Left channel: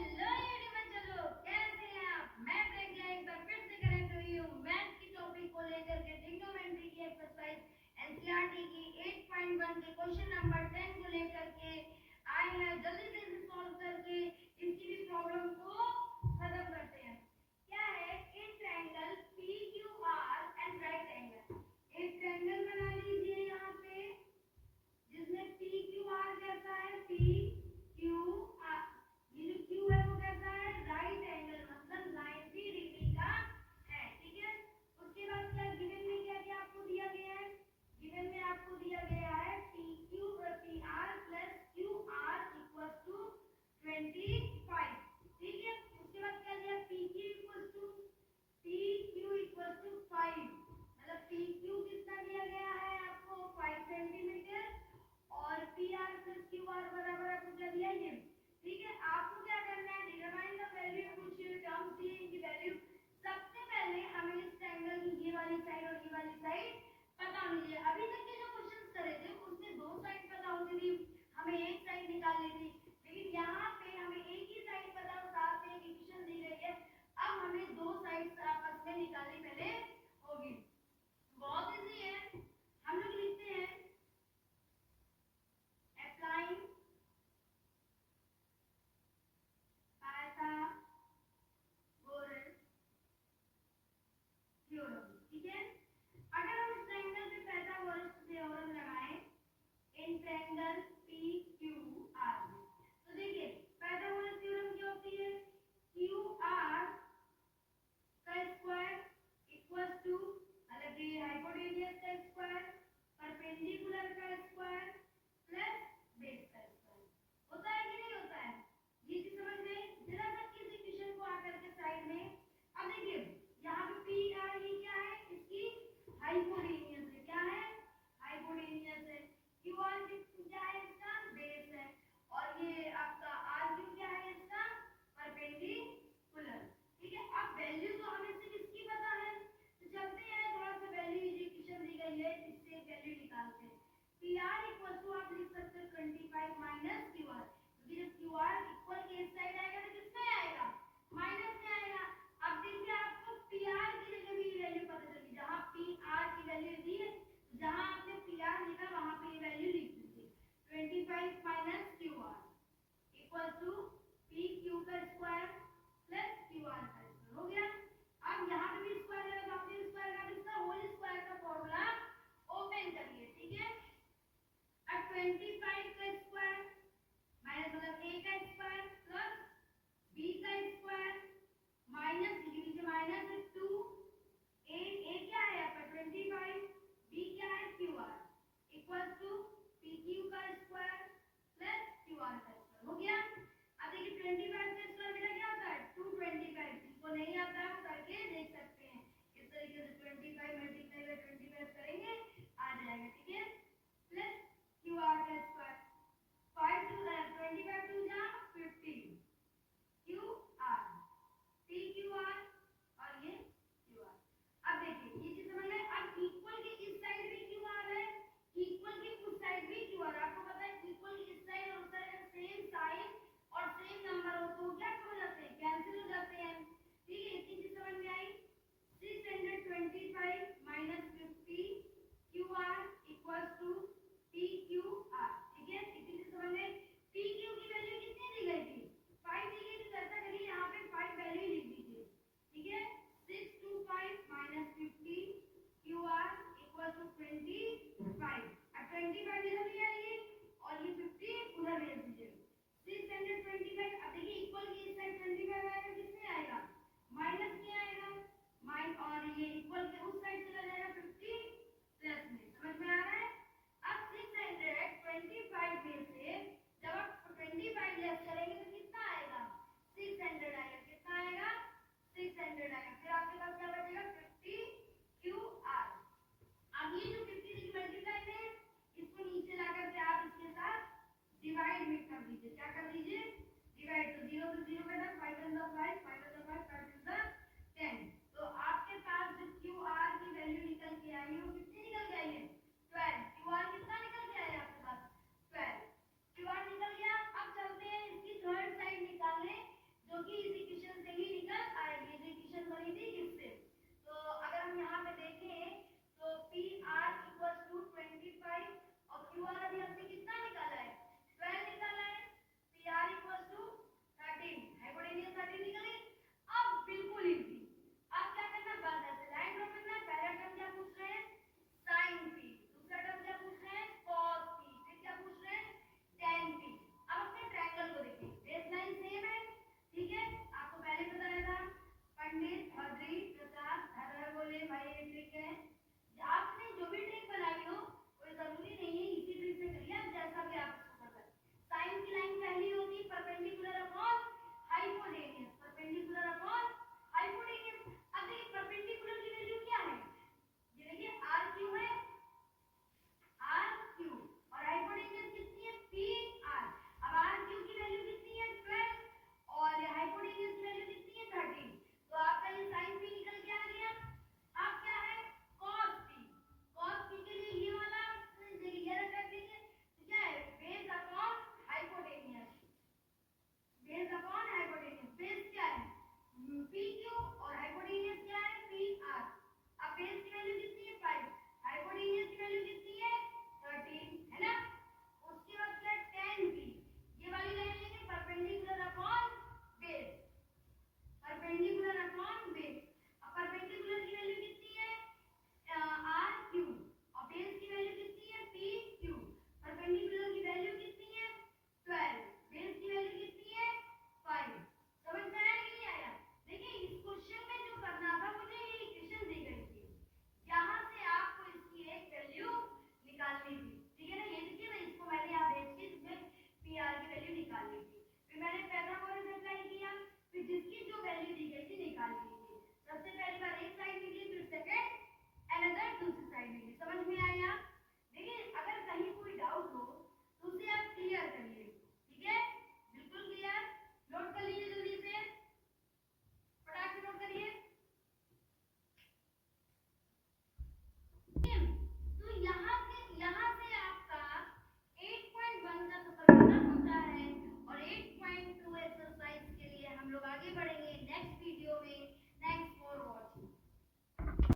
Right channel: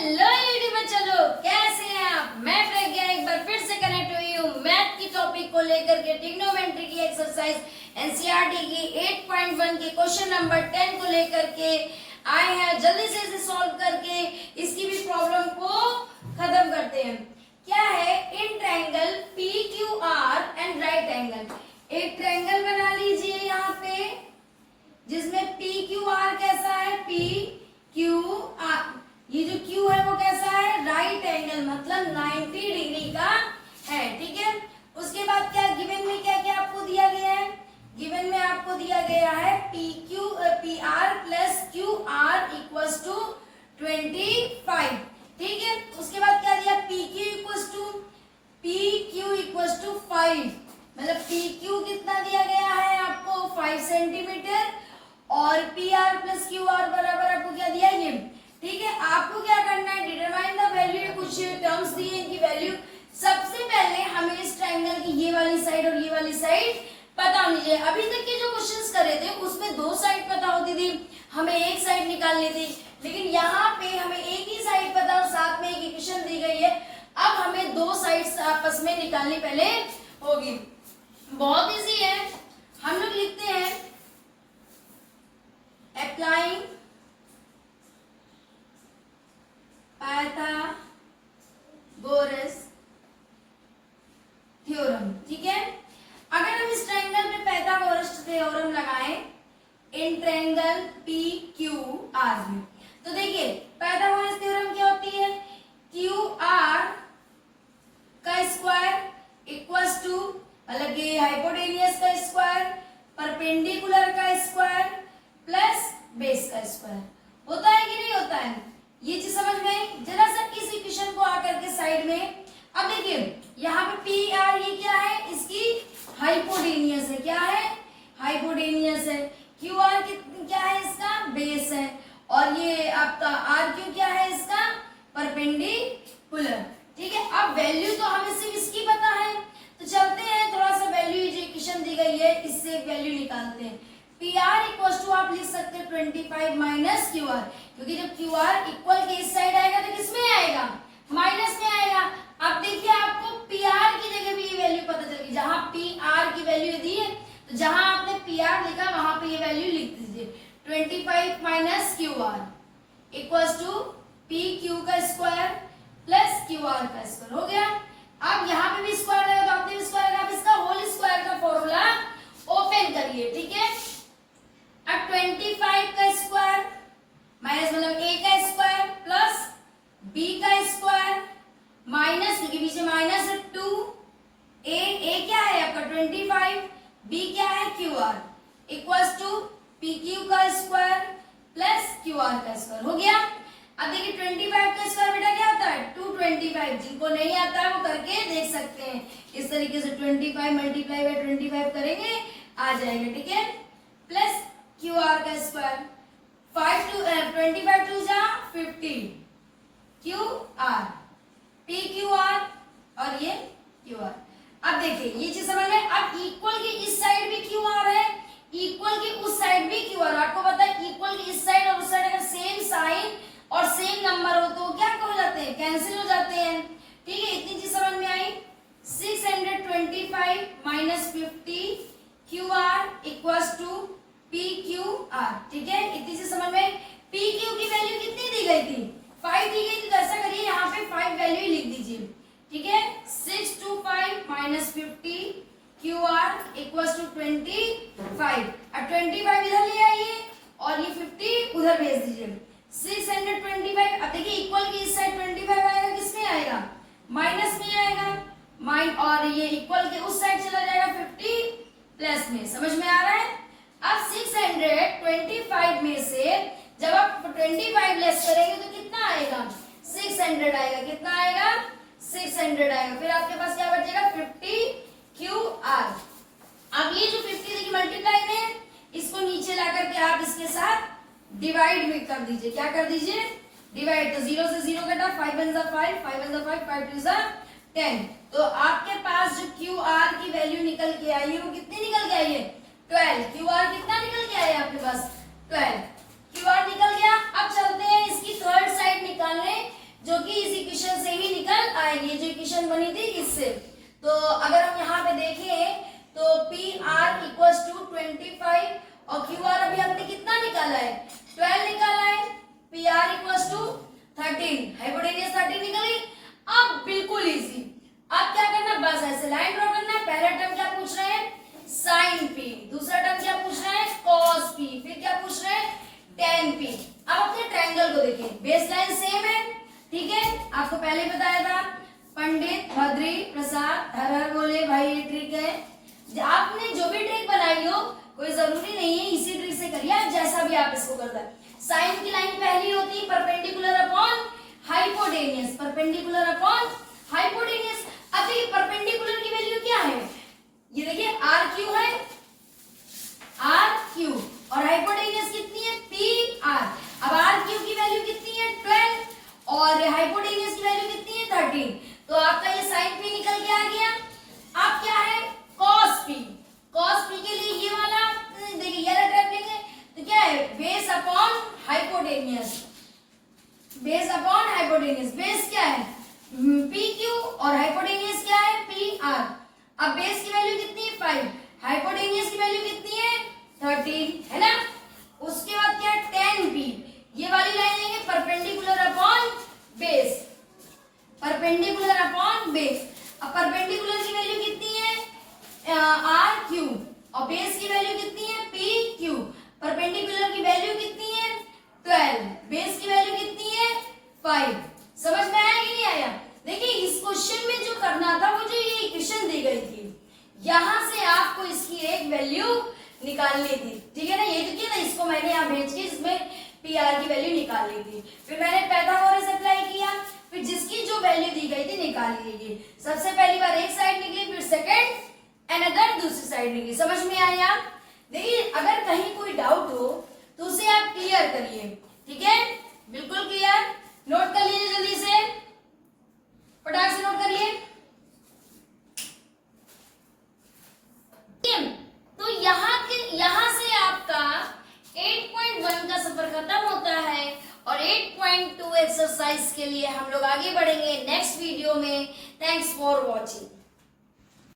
Hello YouTube बच्चों लोग, कैसे हैं आप। मैं प्रज्ञा एक बार फिर से कनेक्ट हुई हूँ मैथ की टॉपिक को लेकर के। ट्रिग्नोमेट्री की एक्सरसाइज एनसीईआरटी की 8.1 के क्वेश्चन नंबर 10 को लेकर के आए हैं। जल्दी से इसे सॉल्व करके इसकी भी प्रॉब्लम को खत्म करते हैं। क्या है, in triangle P Q are and right angle. एक ट्रायंगल बना लीजिए यहाँ पे, जिसमें पी क्यू आर कैसा है, पी क्यू आर, ये जो क्यू है वो कैसा है, राइट एंगल, मतलब 90 डिग्री का है। ठीक है, उसके बाद क्या गिवन में क्या क्या आपको दिया गया है। गिवन में आपको दिया गया है P R plus Q R equals to 25। ठीक है, उसके बाद क्या दिया, पी क्यू इक्वल्स टू 5, मतलब पी क्यू कितना दिया गया है आपको 5 सेंटीमीटर, और P R plus Q are बराबर आपको क्या दिया ये। ठीक है, आपको क्या करना है, डिटरमाइन द वैल्यू। कुछ टर्म्स दिए, इनकी वैल्यू। सबसे पहले हमें इस ट्रायंगल की ये वाली साइड और ये वाली साइड पता होनी चाहिए। अभी तक के जो क्वेश्चंस करे थे उसमें दो साइड पता होती थी, हमें एक साइड निकालनी थी, लेकिन यहाँ पे हमें एक ही साइड पता और साथ में एक इक्वेशन दी गई है। अब हमें दो साइड्स आपस में निकालनी पहले होगी। बहुत इजी है, हम लोग लिखते हैं अप्लाइंग पाइथागोरस थ्योरम। ठीक है, अगर हम इस ट्रायंगल पे पाइथागोरस थ्योरम लगाएं in triangle P Q are में, तो देखिए पाइथागोरस थ्योरम क्या होती है, क्यू आर का स्क्वायर इक्वल्स टू, मतलब कि हाइपोटेनियस का स्क्वायर, परपेंडिकुलर का स्क्वायर प्लस बेस का स्क्वायर। होता है कि नहीं होता है, ये चीज समझ में। जरा सा इस इक्वेशन को आकर के साइड में, अब देखिए यहाँ पे पी आर ये क्या है, इसकी हाइपोटेनियस है। क्या है, हाइपोटेनियस है। क्यू आर क्या है, इसका बेस है। और ये आपका आर क्यू क्या है, इसका परपेंडिकुलर। ठीक है, अब वैल्यू तो हमें सिर्फ इसकी पता है, तो चलते हैं थोड़ा सा वैल्यू, जो इक्वेशन दी गई है इससे वैल्यू निकालते हैं। पी आर इक्वल टू आप लिख सकते हैं 25 माइनस क्यू आर, क्योंकि जब क्यू आर इक्वल के इस साइड आएगा तो किस में आएगा, माइनस में आएगा। अब देखिए आपको पी आर की जगह भी ये वैल्यू पता चल गई। जहां पी आर की वैल्यू दी है, तो जहां आपने पी आर लिखा वहां पे ये वैल्यू लिख दीजिए। 25 minus Q R equals to P Q का स्क्वायर प्लस क्यू आर का स्क्वायर हो गया। अब यहाँ पे भी स्क्वायर लगा, तो आपने स्क्वायर लगा, इसका होल स्क्वायर का फॉर्मूला ओपन करिए। ठीक है, अब 25 का स्क्वायर माइनस, मतलब a का स्क्वायर प्लस b का स्क्वायर माइनस, क्योंकि पीछे माइनस 2, a क्या है आपका 25, b क्या है QR equals to P Q का स्क्वायर प्लस QR का स्क्वायर हो गया। अब देखिए 25 का स्क्वायर बेटा क्या होता है 225, जिनको नहीं आता है वो करके देख सकते हैं। इस तरीके से 25 मल्टीप्लाई बाय 25 करेंगे आ जाएगा। ठीक है, प्लस क्यू आर का स्क्वायर 25 टू जा 50 Q R P Q are और ये क्यू आर। अब देखिए ये चीज समझ में। अब इक्वल की इस साइड भी क्यू आर है, इक्वल की उस साइड भी क्यू आर। आपको पता है इक्वल की इस साइड और उस साइड अगर सेम साइन और सेम नंबर हो तो क्या हो जाते हैं, कैंसिल हो जाते हैं। ठीक है, इतनी चीज समझ में आई। 625 minus 50 Q R equals to P Q R. ठीक है, इतनी सी समझ में। पी क्यू की वैल्यू कितनी दी गई थी, 5 दी गई थी, तो ऐसा करिए यहाँ पे 5 वैल्यू लिख दीजिए। ठीक है, 625 minus 50 Q R equals to 25। अब 25 इधर ले आइए और ये 50 उधर भेज दीजिए। 625, अब देखिए इक्वल की इस साइड 25 आएगा, किसमें आएगा, माइनस में आएगा, और ये इक्वल के उस साइड चला जाएगा 50 प्लस में। समझ में आ रहा है। अब 625 में से जब आप 25 लेस करेंगे तो कितना आएगा, 600 आएगा। कितना आएगा, 600 आएगा। फिर आपके पास क्या बचेगा 50 क्यू आर। अब ये जो 50 देखिए मल्टीप्लाई में, इसको नीचे ला करके आप इसके साथ डिवाइड में कर दीजिए। क्या कर दीजिए, डिवाइड। तो 0 से 0 कटा, 5 1 जा 5, 5 1 जा 5, 5 2 जा 10। तो आपके पास जो क्यू आर की वैल्यू निकल के आई है वो कितनी निकल के आई है, 12। क्यू आर कितना निकल के आया आपके पास, 12 क्यू आर निकल गया। अब चलते हैं इसकी थर्ड साइड निकालने। से। तो अगर हम यहाँ पे देखें तो पी आर इक्वल्स टू 25 और क्यू आर अभी हमने कितना निकाला है, 12 निकाला है। P R equals to 13, hypotenuse 13 निकल गई। अब बिल्कुल इजी, अब क्या करना, बस ऐसे लाइन ड्रॉ करना है। पहला टर्म क्या पूछ रहे हैं, साइन पी, दूसरा टर्म क्या पूछ रहे हैं, कॉस पी, फिर क्या पूछ रहे हैं, टेन पी। अब अपने ट्रायंगल को देखिए, बेस लाइन सेम है, ठीक है, आपको पहले बताया था। पंडित भद्री प्रसाद हर हर बोले भाई, ये ट्रिक है। आपने जो भी ट्रिक बनाई हो, कोई जरूरी नहीं है इसी ट्रिक से करिए, आप जैसा भी आप इसको करता है। साइन की लाइन पहली होती है perpendicular upon hypotenuse, perpendicular upon hypotenuse. अब देखिए परपेंडिकुलर की वैल्यू क्या है, ये देखिए आर क्यू है, आर क्यू, और हाइपोटेनियस कितनी है, पी आर। अब आर क्यू की वैल्यू कितनी है, 12, और हाइपोटेनियस की वैल्यू कितनी है, 13। तो आपका ये साइन पी निकल के आ गया। अब क्या है, कॉस पी, कॉस पी के लिए ये वाला देखिए, ये वाला ट्रैप लेंगे तो क्या है, base upon hypotenuse, base upon hypotenuse. Base क्या है, पी क्यू, और हाइपोटेनियस क्या है, पी आर। अब बेस की वैल्यू कितनी है, 5, हाइपोटेनियस की वैल्यू कितनी है, 13, है ना। उसके बाद क्या है, 10 पी, ये वाली लाइन लेंगे perpendicular upon base, perpendicular upon base. अब परपेंडिकुलर की वैल्यू कितनी है, आर क्यू, और बेस की वैल्यू कितनी है, पी क्यू। परपेंडिकुलर की वैल्यू कितनी है, 12, बेस की वैल्यू कितनी है, 5। समझ में आया कि नहीं आया। देखिए इस क्वेश्चन में जो करना था, वो जो ये इक्वेशन दी गई थी, यहां से आपको इसकी एक वैल्यू निकालनी थी, ठीक है ना। ये जो किया ना, इसको मैंने यहाँ भेज के इसमें पी आर की वैल्यू निकालनी थी। फिर मैंने पाइथागोरस अप्लाई किया, फिर जिसकी जो वैल्यू दी गई थी निकाल लीजिए। सबसे पहली बार एक साइड निकली, फिर सेकंड अनदर दूसरी साइड निकली। समझ में आया। देखिए अगर कहीं कोई डाउट हो तो उसे आप क्लियर करिए, ठीक है, बिल्कुल क्लियर। नोट कर लीजिए, जल्दी से फटाक से नोट करिए। तो यहाँ से आपका 8.1 का सफर खत्म होता है, और 8.2 एक्सरसाइज के लिए हम लोग आगे बढ़ेंगे नेक्स्ट वीडियो में। Thanks for watching.